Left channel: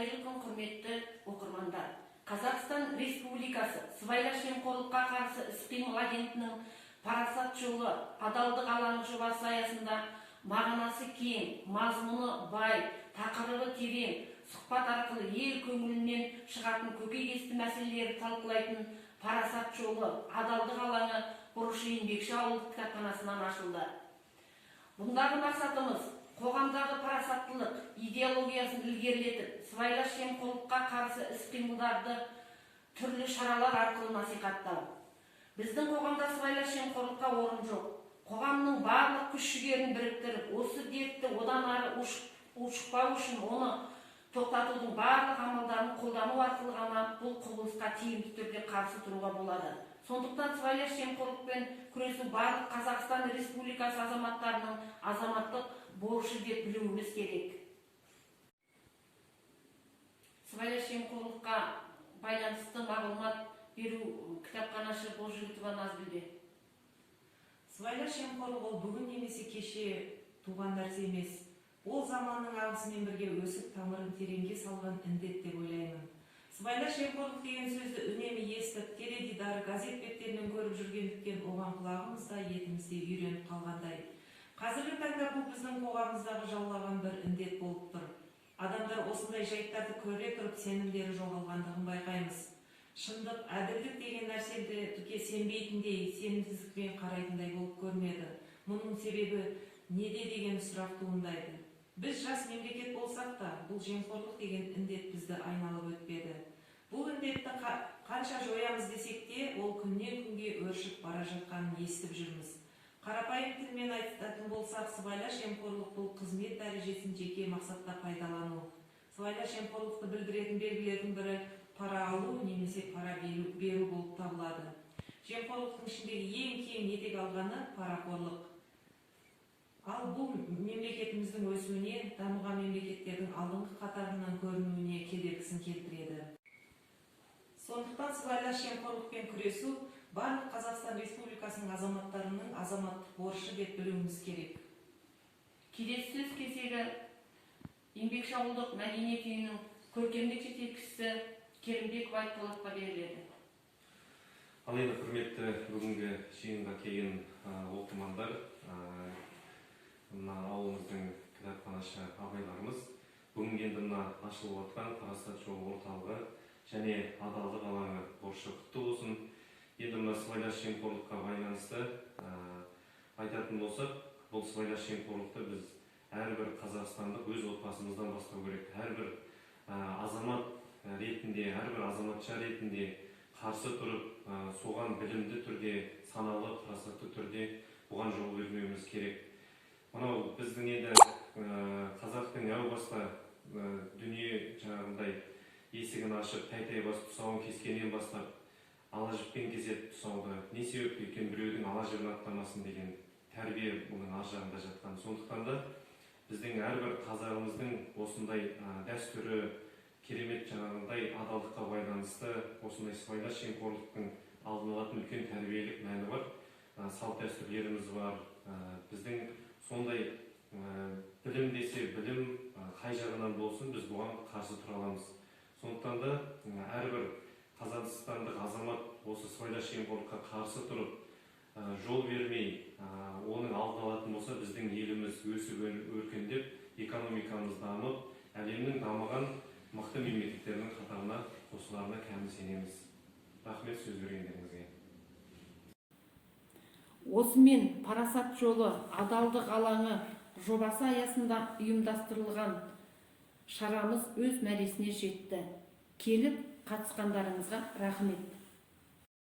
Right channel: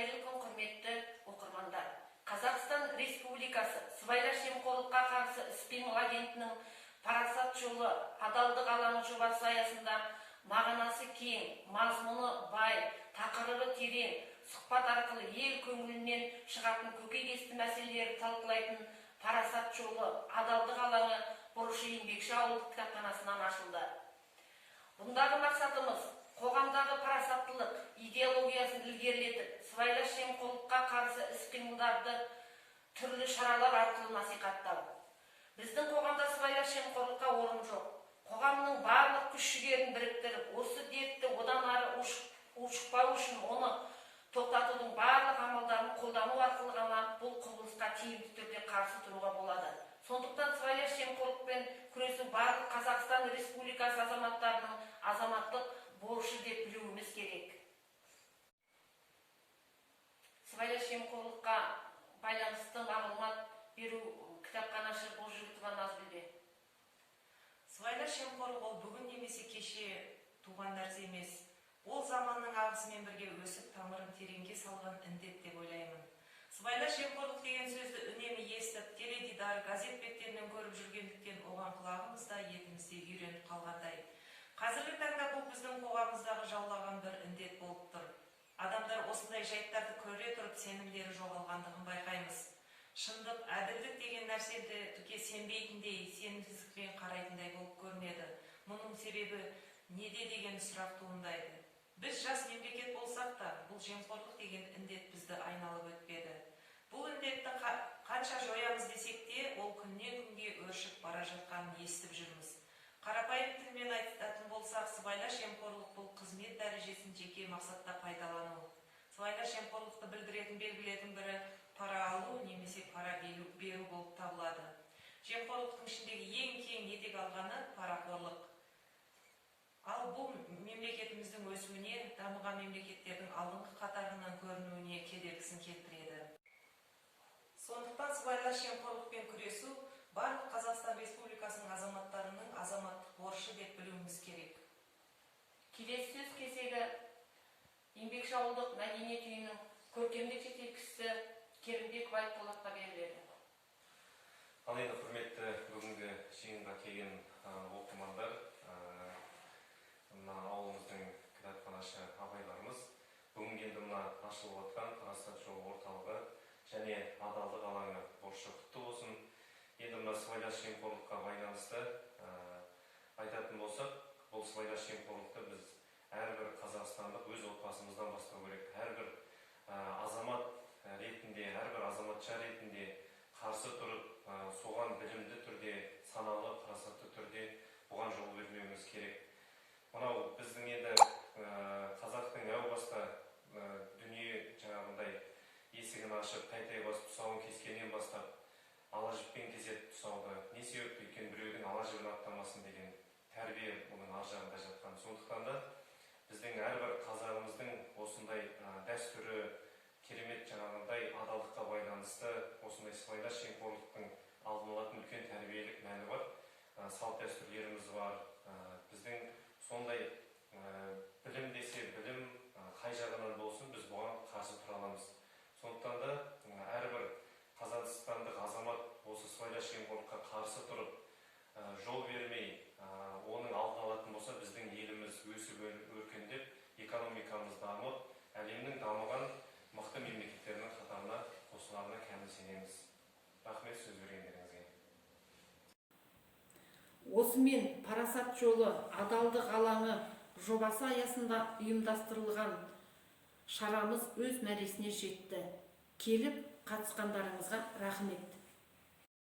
Қайырлы күн, құрметті оқырмандар. Қазақстан Республикасы сыбайлас жемқорлыққа қарсы іс-қимыл агенттігінің парасат жолы адалдық алаңы жобасы аясында мағынасы кең, мазмұны бай, тақырыбы терең, сұхбат арқылы ел көңілінен шығатын көкейкесті мәселелерді талқылайтын парасат жолы адалдық алаңы бұрышы еңбекші ауылдық кітапханасынан ашылды. Бұндағы мақсатымыз қоғамдағы парасаттылық идеологиясын ілгерілетіп, сыбайлас жемқорлыққа қарсы іс-қимылдарды түрлі шаралар арқылы насихаттау. Біздің қоғамда сыбайлас жемқорлыққа орын жоқ. Қоғамның барлық күш-жігерін біріктіріп, осы дертті одан ары ушықпау үшін оны тоқтатудың барлық амалдарын қолдану арқылы ғана бұл құбылысқа тиімді түрде қарсы тұруға болады. Сондықтан сыбайлас жемқорлықпен күресу барлық Қазақстан Республикасы азаматтарының азаматтық борышы деп білуіміз керек. Сыбайлас жемқорлыққа байланысты мағлұмат беру кітапханашы Болжігітова Назгүлде. Сыбайлас жемқорлық ол бүгін немесе кеше туған нәрсе емес. Ол заманның ағысымен бірге өсіп тамырын тереңге салған індет деп ойлаймын. Сыбайлас жемқорлық деген сөзді үнемі естіп, теледидар, газет беттерінен көріп жүргендіктен оған құлағымыз да етімізде үйреніп қалғандай. Қазіргі таңда бұл біздің қоғамымыздағы жаулаған бір індет болып тұр. Адамдар осындай жайттарды көре тұрып сенімдері жоғалғандығын байқаймыз. Шындық, әділдік деген нәрсені түкке сенбейтіндей, сенімсіздікпен қарайтындай болып көрінеді. Мұның себебі неде деген сұрақ туындайды. Біз жас мемлекет болсақ та, бұл жемқорлық деген індет бізді айналып өтпеді. Бұл індетті қанша жоямыз десек те, ол күннен күнге өршіп бара жатқанын естіп жүрміз. Қарапайым тілмен айтатын болсақ, сыбайлас жемқорлық бұл қызмет дәрежесін жеке мақсатта пайдалану. Сыбайлас жемқорлықты білдіретін белгілердің бірі пара алу немесе пара беру болып табылады. Жемқорлықтың ішіндегі ең кең етек алғаны парақорлық. Ал бұл мемлекетіміздің өсуіне, дамыған мемлекеттердің алдыңғы қатарынан көрінуіне кедергісін келтіреді. Сондықтан сыбайлас жемқорлықпен күресу барлық Қазақстан Республикасының азаматтарының азаматтық борышы деп білуіміз керек. Келесі сөз кезегі еңбекші ауылдық мәдениет үйінің көркемдік жетекшісі Керімбеков Айтболатқа беріледі. Ал енді құрметті бүгінгі жиынға келген оқырмандар, мына ауылымыздың кітапханашы ағайларымыз бүгінгі енді мына ашылып жатқан парасат жолы орталығы және адалдық алаңы борышы құтты болсын. Енді мына сыбайлас жемқорлыққа байланысты айтатын болсақ, бұл сыбайлас жемқорлықты біз әрбір қазақстандық өз отбасымыздан бастау керек. Әрбір азамат ретінде, әрбір азаматша ретінде қарсы тұрып, соған білімді түрде, саналы, парасатты түрде бұған жол бермеуіміз керек. Мынау біздің енді қазақтың әу баста дүние жаңағындай есігін ашып, тәй-тәй бас тұсауын кескеннен бастап, ала жіппен кеседі тұсауды. Не себепті екен біреудің ала жібін аттамасын деген тәрбие бұның ар жағында жатқан. Сондықтан да біздің әрбір қазағымыздың осындай дәстүрі, керемет жаңағындай адалдыққа байланысты осындай сыбайлас жемқорлықтың алдын алатын үлкен тәрбиелік мәні бар. Салт дәстүрлеріміз бар. Біздің сондай білім десе білім қай жағынан болсын, біз бұған қарсы тұра аламыз. Сондықтан да әрбір қазақстандық азамат осы сыбайлас жемқорлыққа қарсы тұрып, жол бермей, оның алдын алатын болса, біздің еліміз өсіп өркендеп, экономикамыз дамып, әлемнің дамыған мықты мемлекеттерінің қатарына қосыларына кәміл сенеміз. Рахмет, сөз бергендеріңізге. Осымен парасат жолы адалдық алаңы жобасы аясында ұйымдастырылған шарамыз өз мәресіне жетті. Келіп қатысқандарыңызға рахмет.